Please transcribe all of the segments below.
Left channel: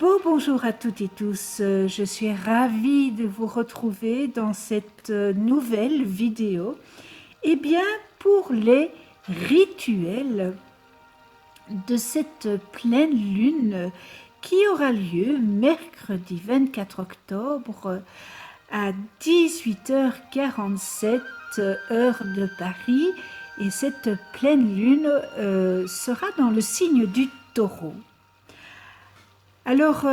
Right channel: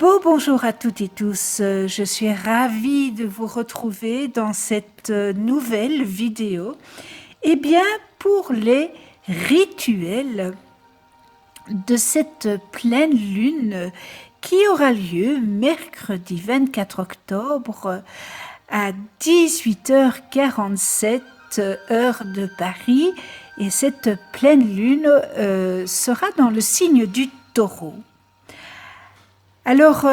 Bonjour à toutes et tous, je suis ravie de vous retrouver dans cette nouvelle vidéo. Eh bien, pour les rituels de cette pleine lune qui aura lieu mercredi 24 octobre à 18h47 heure de Paris, et cette pleine lune sera dans le signe du Taureau. Alors,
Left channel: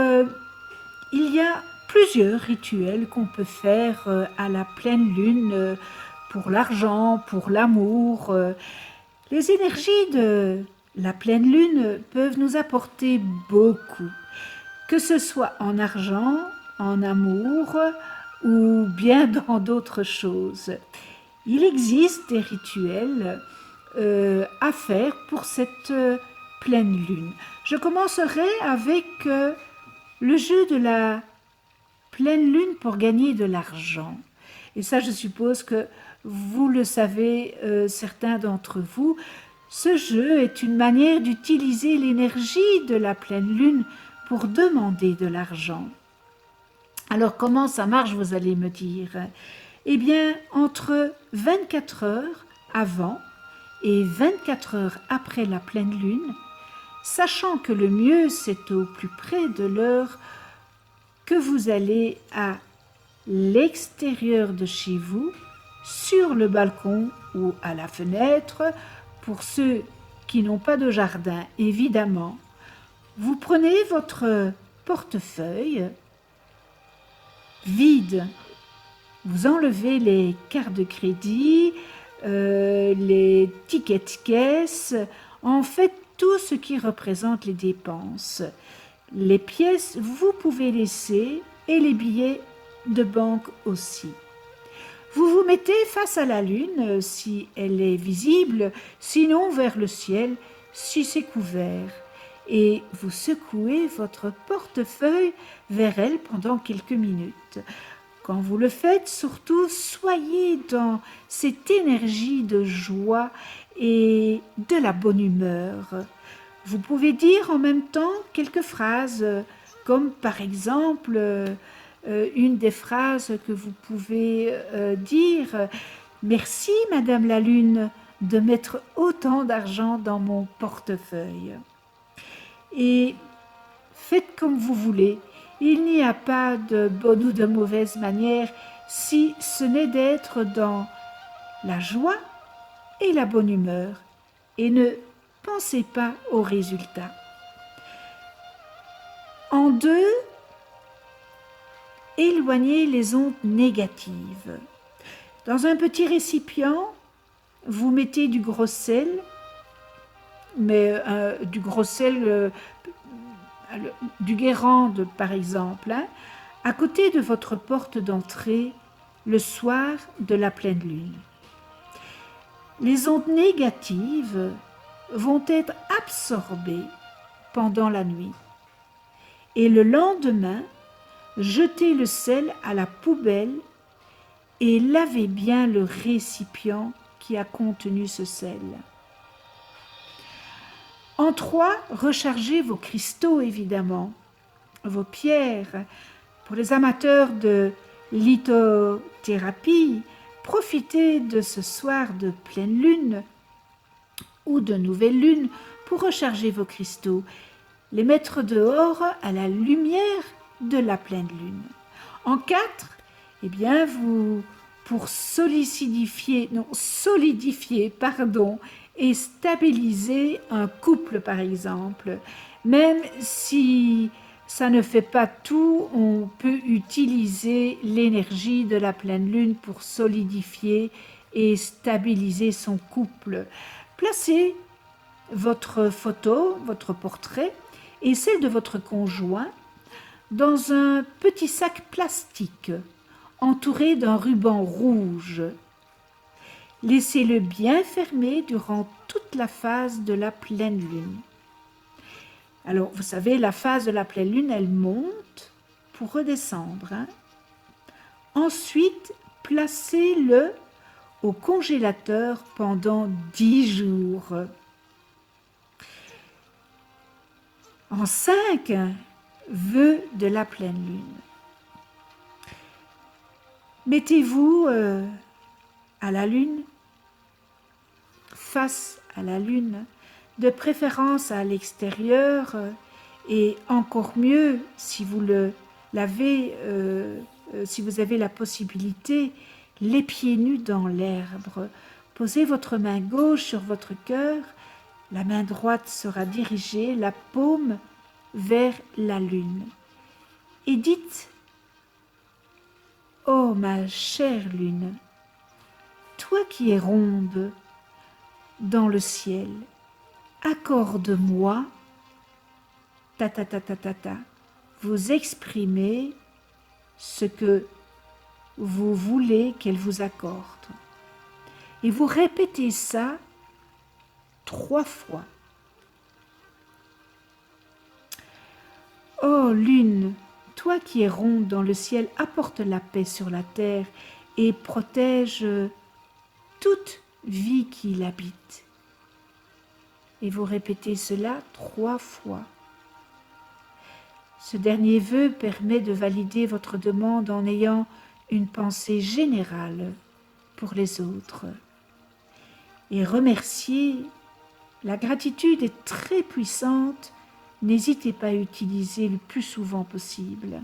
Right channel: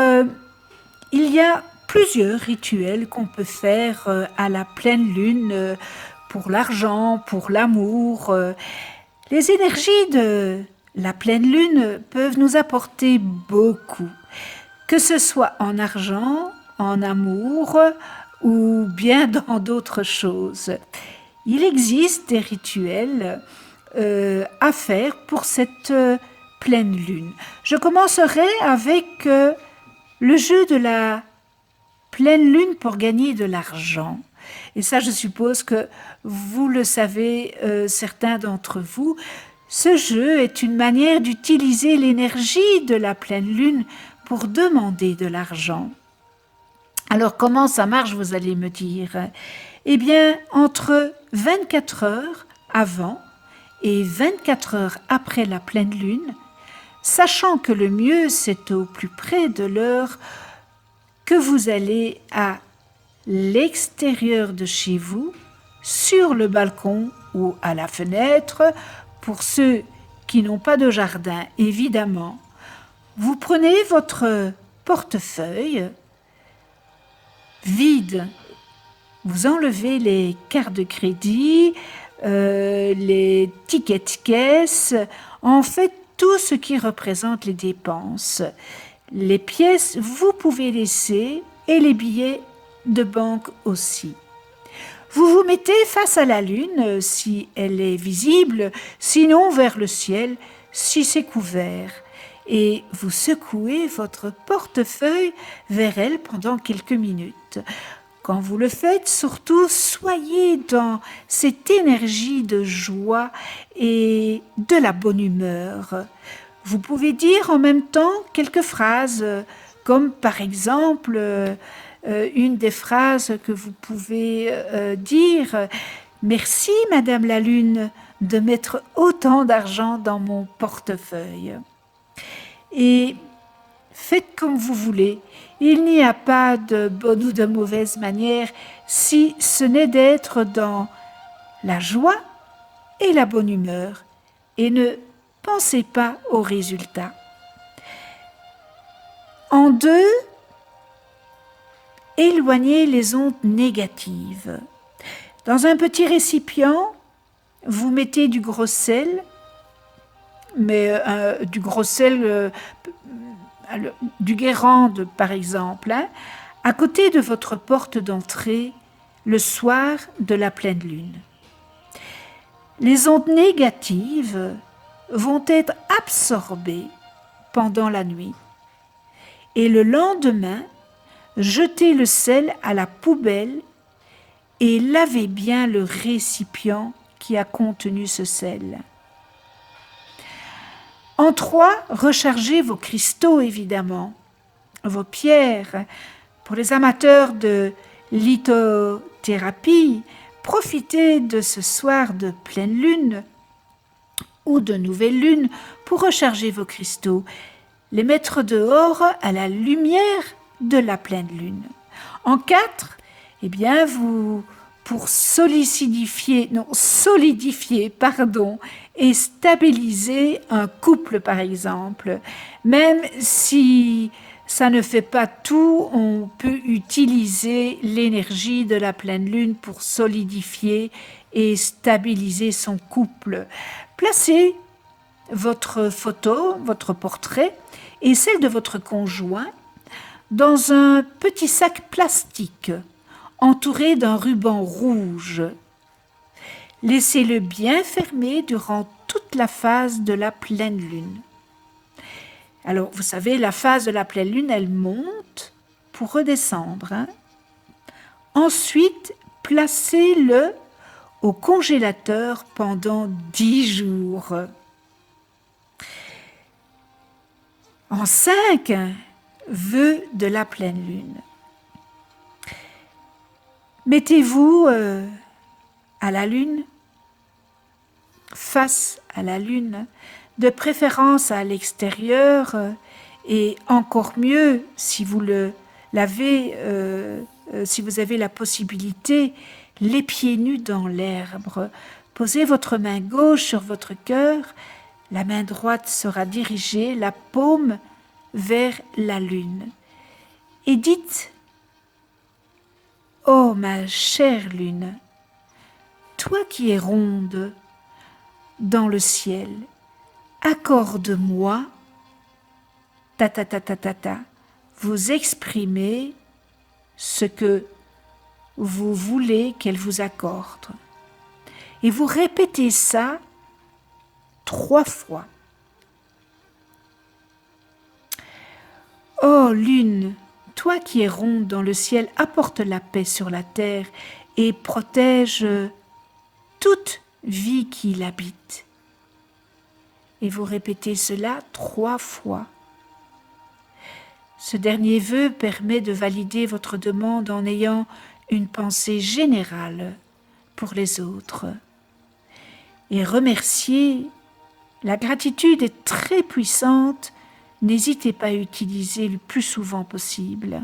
il y a plusieurs rituels qu'on peut faire à la pleine lune pour l'argent, pour l'amour. Les énergies de la pleine lune peuvent nous apporter beaucoup, que ce soit en argent, en amour ou bien dans d'autres choses. Il existe des rituels à faire pour cette pleine lune. Je commencerai avec le jeu de la pleine lune pour gagner de l'argent. Et ça, je suppose que vous le savez, certains d'entre vous. Ce jeu est une manière d'utiliser l'énergie de la pleine lune pour demander de l'argent. Alors, comment ça marche, vous allez me dire? Eh bien, entre 24 heures avant et 24 heures après la pleine lune, sachant que le mieux c'est au plus près de l'heure, que vous allez à l'extérieur de chez vous, sur le balcon ou à la fenêtre, pour ceux qui n'ont pas de jardin évidemment. Vous prenez votre portefeuille vide, vous enlevez les cartes de crédit, les tickets de caisse, en fait tout ce qui représente les dépenses. Les pièces, vous pouvez laisser, et les billets de banque aussi. Vous vous mettez face à la lune si elle est visible, sinon vers le ciel si c'est couvert. Et vous secouez votre portefeuille vers elle pendant quelques minutes. Quand vous le faites, surtout, soyez dans cette énergie de joie et de la bonne humeur. Vous pouvez dire en même temps quelques phrases, comme par exemple une des phrases que vous pouvez dire « Merci Madame la Lune de mettre autant d'argent dans mon portefeuille ». Et faites comme vous voulez. Il n'y a pas de bonne ou de mauvaise manière si ce n'est d'être dans la joie et la bonne humeur, et ne pensez pas aux résultats. En deux, éloignez les ondes négatives. Dans un petit récipient, vous mettez du gros sel, mais du gros sel du Guérande par exemple, à côté de votre porte d'entrée le soir de la pleine lune. Les ondes négatives vont être absorbées pendant la nuit. Et le lendemain, jetez le sel à la poubelle et lavez bien le récipient qui a contenu ce sel. En 3, rechargez vos cristaux évidemment, vos pierres. Pour les amateurs de lithothérapie, profitez de ce soir de pleine lune ou de nouvelle lune pour recharger vos cristaux, les mettre dehors à la lumière de la pleine lune. En 4, eh bien pour solidifier et stabiliser un couple par exemple, même si ça ne fait pas tout, on peut utiliser l'énergie de la pleine lune pour solidifier et stabiliser son couple. Placez votre photo, votre portrait et celle de votre conjoint dans un petit sac plastique entouré d'un ruban rouge. Laissez-le bien fermé durant toute la phase de la pleine lune. Alors, vous savez, la phase de la pleine lune, elle monte pour redescendre. Ensuite, placez-le au congélateur pendant 10 jours. En 5, vœu de la pleine lune. Mettez-vous à la lune, face à la lune, de préférence à l'extérieur, et encore mieux si vous si vous avez la possibilité, les pieds nus dans l'herbe. Posez votre main gauche sur votre cœur, la main droite sera dirigée, la paume vers la lune. Et dites: ô ma chère lune, toi qui es ronde dans le ciel, accorde-moi, ta ta ta ta ta ta, vous exprimez ce que vous voulez qu'elle vous accorde. Et vous répétez ça 3 fois. Ô lune, toi qui es ronde dans le ciel, apporte la paix sur la terre et protège toute vie qui l'habite. Et vous répétez cela 3 fois. Ce dernier vœu permet de valider votre demande en ayant une pensée générale pour les autres. Et remercier, la gratitude est très puissante, n'hésitez pas à utiliser le plus souvent possible.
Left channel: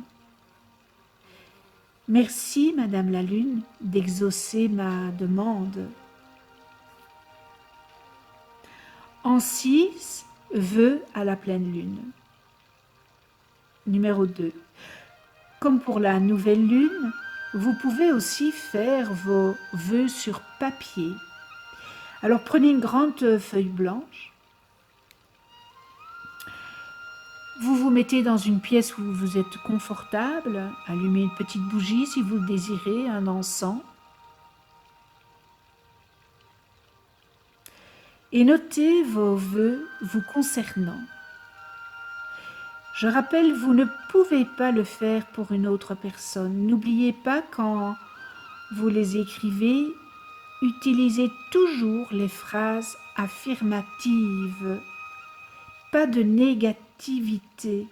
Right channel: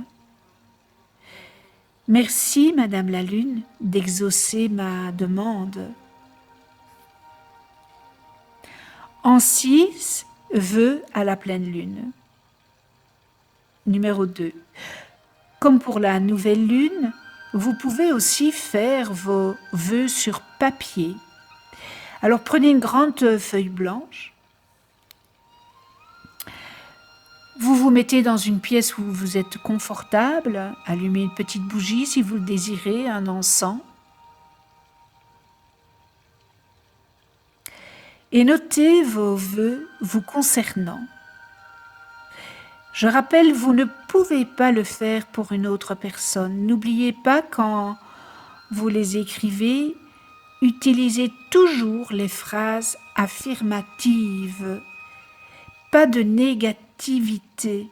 Merci, Madame la Lune, d'exaucer ma demande. En 6, vœux à la pleine lune. Numéro 2. Comme pour la nouvelle lune, vous pouvez aussi faire vos vœux sur papier. Alors prenez une grande feuille blanche. Vous vous mettez dans une pièce où vous êtes confortable, allumez une petite bougie si vous le désirez, un encens. Et notez vos vœux vous concernant. Je rappelle, vous ne pouvez pas le faire pour une autre personne. N'oubliez pas, quand vous les écrivez, utilisez toujours les phrases affirmatives. Pas de négativité.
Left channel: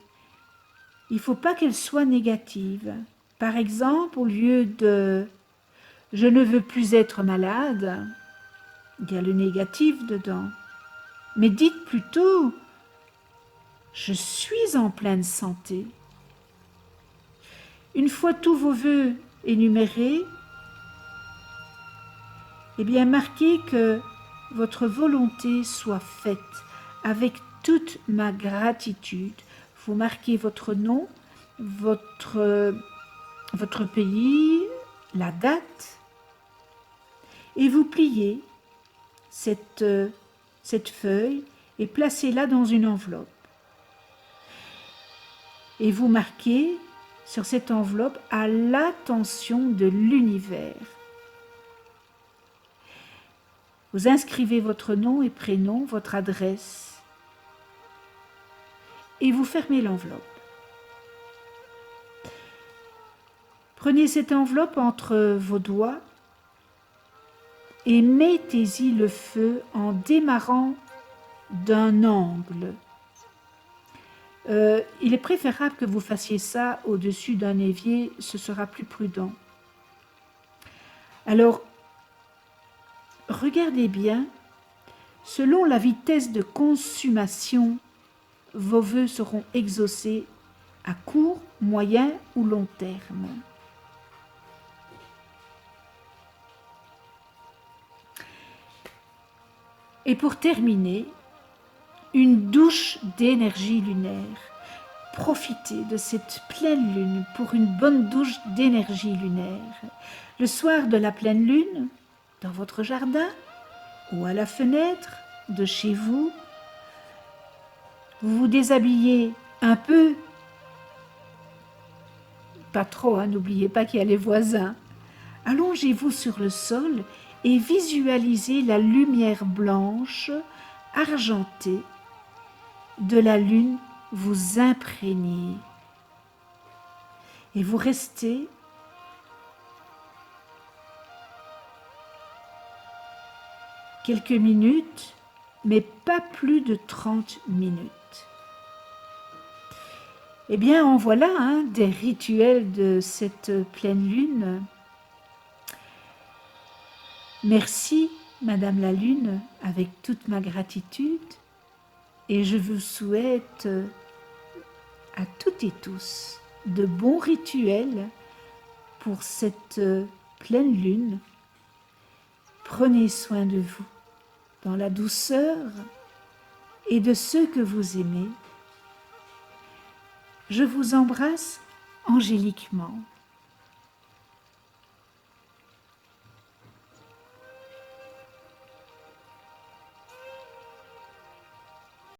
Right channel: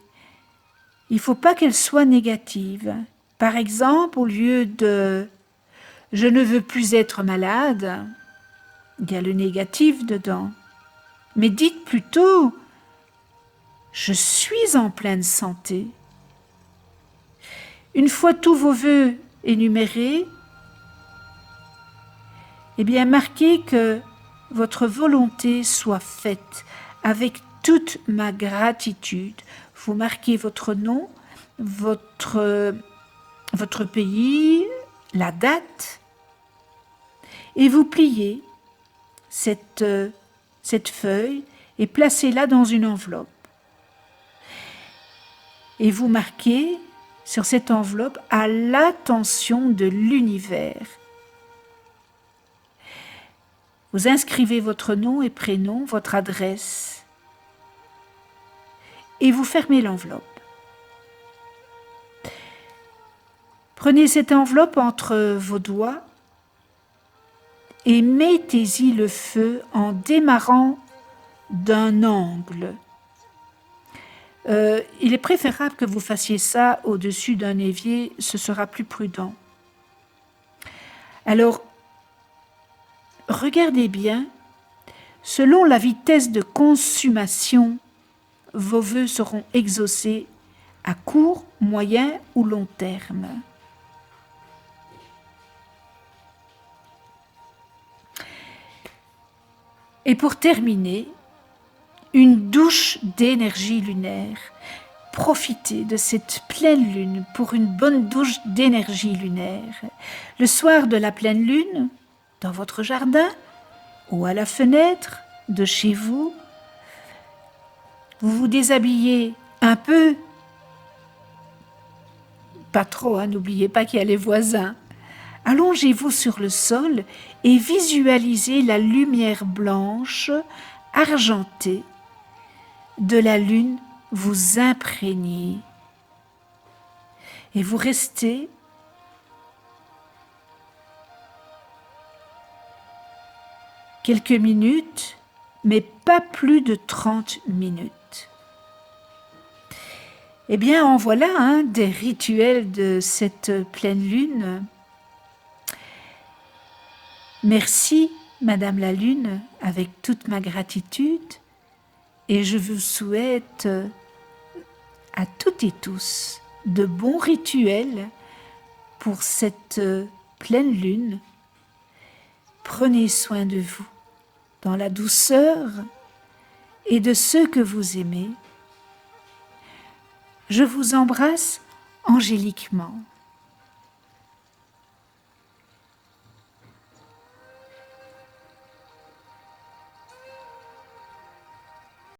Il ne faut pas qu'elles soient négatives. Par exemple, au lieu de « je ne veux plus être malade », il y a le négatif dedans. Mais dites plutôt « je suis en pleine santé ». Une fois tous vos vœux énumérés, eh bien marquez que votre volonté soit faite avec toute ma gratitude. Vous marquez votre nom, votre pays, la date, et vous pliez cette feuille et placez-la dans une enveloppe. Et vous marquez sur cette enveloppe « à l'attention de l'univers ». Vous inscrivez votre nom et prénom, votre adresse, et vous fermez l'enveloppe. Prenez cette enveloppe entre vos doigts et mettez-y le feu en démarrant d'un angle. Il est préférable que vous fassiez ça au-dessus d'un évier, ce sera plus prudent. Alors, regardez bien, selon la vitesse de consommation, vos vœux seront exaucés à court, moyen ou long terme. Et pour terminer, une douche d'énergie lunaire. Profitez de cette pleine lune pour une bonne douche d'énergie lunaire. Le soir de la pleine lune, dans votre jardin ou à la fenêtre de chez vous, vous vous déshabillez un peu, pas trop, n'oubliez pas qu'il y a les voisins. Allongez-vous sur le sol et visualisez la lumière blanche, argentée, de la lune vous imprégner. Et vous restez quelques minutes, mais pas plus de 30 minutes. Eh bien, en voilà des rituels de cette pleine lune. Merci, Madame la Lune, avec toute ma gratitude, et je vous souhaite à toutes et tous de bons rituels pour cette pleine lune. Prenez soin de vous dans la douceur et de ceux que vous aimez. Je vous embrasse angéliquement.